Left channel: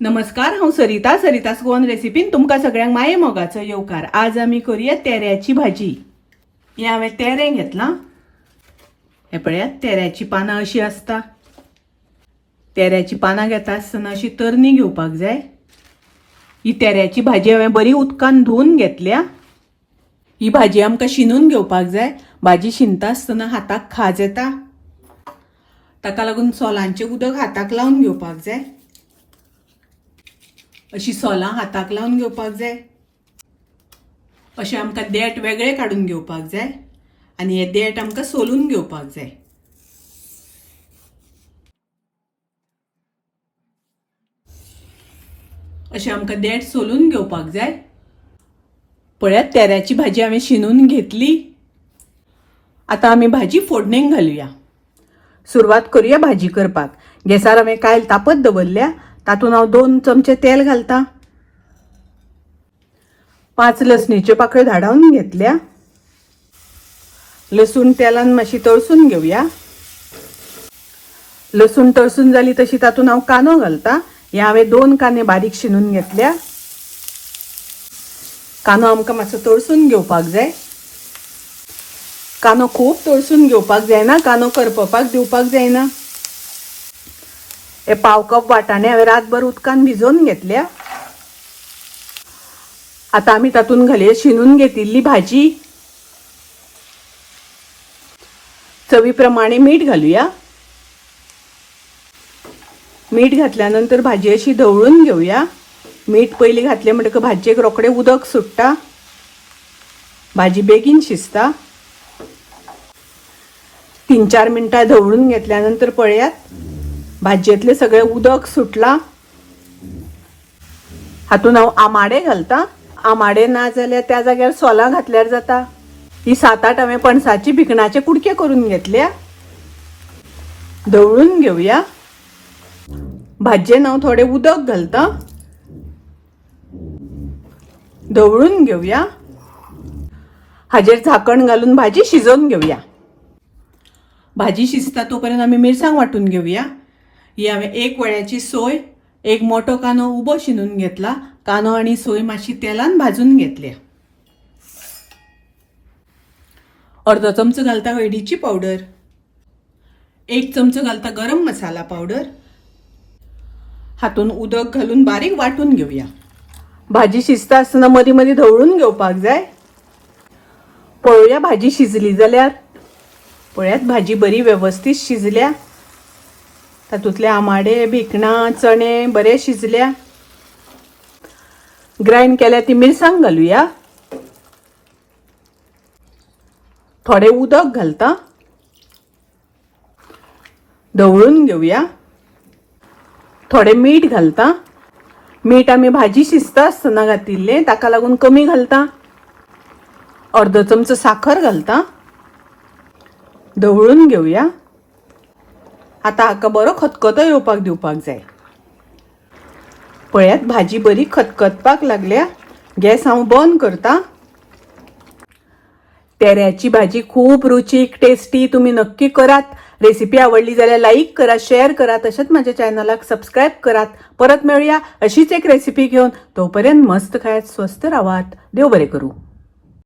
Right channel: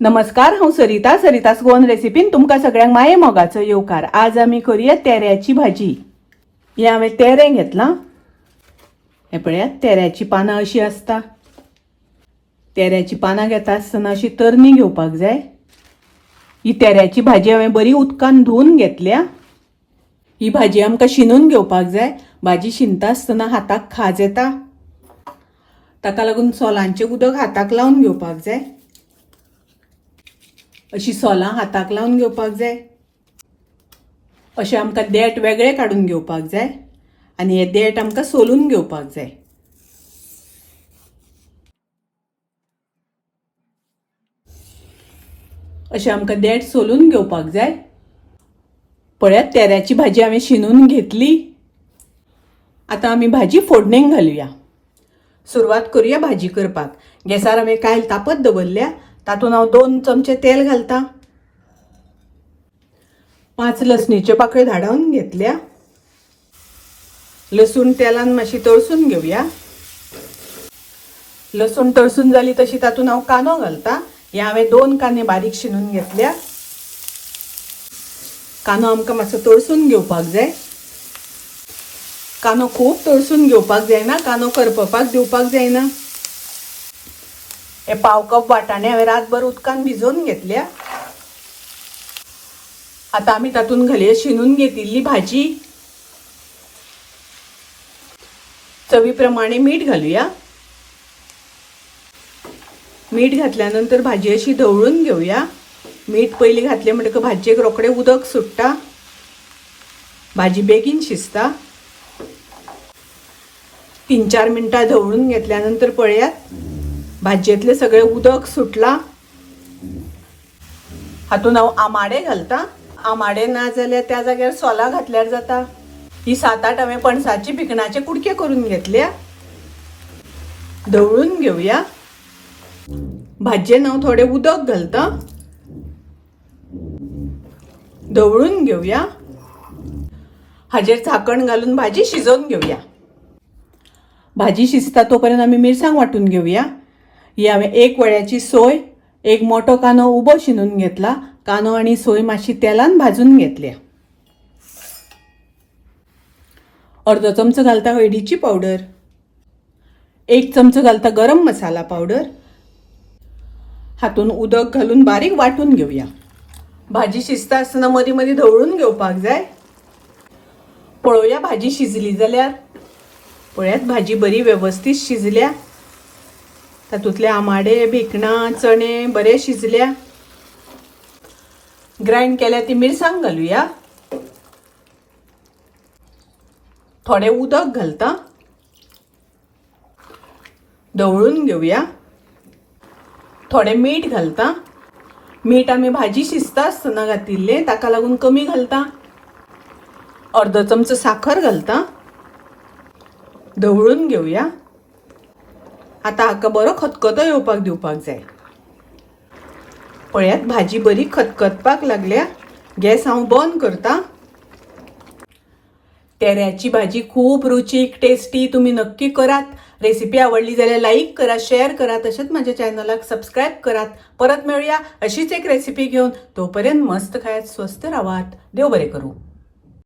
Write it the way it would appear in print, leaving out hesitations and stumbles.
नमस्कार, हांव सरिता सरितास गोवन रेसिपीन तुमकां सगळ्यांक माये मोगाचो येवकार। आज आमी करूया तेऱ्याची भाजी। हे हांवें तेरे घेतलां। हे पळयात, तेऱ्याची पानां अशी आसता। तेऱ्याची पानां घेता आसतना अशी तरणी घेवपाक जाय। ही तेऱ्याची भाजी हांवें बरी उदकान धुवन घेतल्या। ही भाजी आमकां शिनून घेवपाक जाय। भाजी शिनता आसतना हाताक खाज येता, ताका लागून सोलांचें उदक हाताक लावन घेवपाक जाय। अशी सोलां हाताक लावन घेवपाक जाय। अशें आमकां देठ वेगळे काडून घेवपाक जाय आनी हे देठ आमकां सोलून घेवपाक जाय। अशें आमकां देठ सोलून घेवपाक जाय। पळयात, तेऱ्याची भाजी हांवें शिनून घेतली। आतां आमी भाजी फोडणेक घालुया। सुरवात करूया भाजी करपाक। गॅसार हांवें कायल तापत दवरल्या। तातूंत हांव 2 चमचे तेल घालता। 5 लसणीच्यो पाकळ्यो धाडावन घेतल्या। लसूण तेलान मातशी तळसून घेवया। लसूण तळसून जाली तशी तातूंत हांव कांदो घालता। हे हांवें 2 कांदे बारीक शिनून घेतल्या। कांदो आमकां मातसो तळसून घेवपाक जाय। कांदो खूब तळसून घेवपाक जायना, कांदो करपपाक दिवपाक जायना। हे 1/2 कप वाटाणे हांवें रातभर उदकान भिजोवन घेतल्या। आता आमी तातूंत घालुया शिनून घेतिल्ली भाजी। चवी प्रमाणे मीठ घालुया। मीठ घातल्यानंतर भाजी अशी ढवळून घेवया। मीठ पयलीं घातलें म्हणटकच भाजयेक रोखडें उदक सुट्टा, भाजी बेगीन शिजता। 3-4 मिनटां ढवळून घेतल्यानंतर पळयात, भाजयेंतलें सगळें उदक सुटलां। हातूंत हांव आमाडे घालता। आमाडे ना जाल्यार त्या जाग्यार सोलां घातल्यार जाता। ही 7-8 हांवें पणसाची भिकणाचे कुडके करून घेतल्या। ढवळून घेवया। भाजयेन हांव थोडें उदक घालता। ढवळून घेवया। हाजेर झाकण घालून भाजी शिजोवन घेवया। भाजी शिजता तोपर्यंत आमी मिरसांग वांटून घेवया। ही हांवें 1 वळ्याची सोय, 1 मोठो कांदो उबो शिनून घेतला। कांदो आनी सोय मातशी तेलान भाजून घेतल्या। अर्दो चमचो घालता हळदीची पावडर। 1 चमचो घालता गरम मसाला पावडर। हातूंत उदक घालून बारीक वांटून घेवया। भाजी शिजता आसतना मदीं मदीं ढवळून घेवपाक जाय। पळोवया भाजी शिजली जाल्यार। पळयात, भाजी बरी वेवस्थीत शिजल्या। तातूंतले आमाडे, भिकणां, चणे बरे शिजल्या। ग्राइंड केल्या ती मिरसांग घालुया। थोडें उदक घालता। ढवळून घेवया। थोडें मीठ घालता। मीठ आमी भाजी शिजता आसतना घातिल्लें, ताका लागून कमी घालता। अर्दो चमचो साखर घालता। ढवळून घेवया। आता हाका बरो खतखतो येवपाक दिवपाक जाय। पळयात, भाजी बरी खतखतपाक लागल्या। गॅस हांव बंद करता। तेऱ्याची भाजी खूब रुचीक, टेस्टी। तुम्ही नक्की करात। रेसिपी आवडली जाल्यार लाईक करा, शेअर करा, तशेंच माझ्या चॅनलाक सबस्क्राईब करात। परत मेळूया अशीच एक रेसिपी घेऊन। तोपर्यंत मस्त खायत, स्वस्त राहात। देव बरे करू।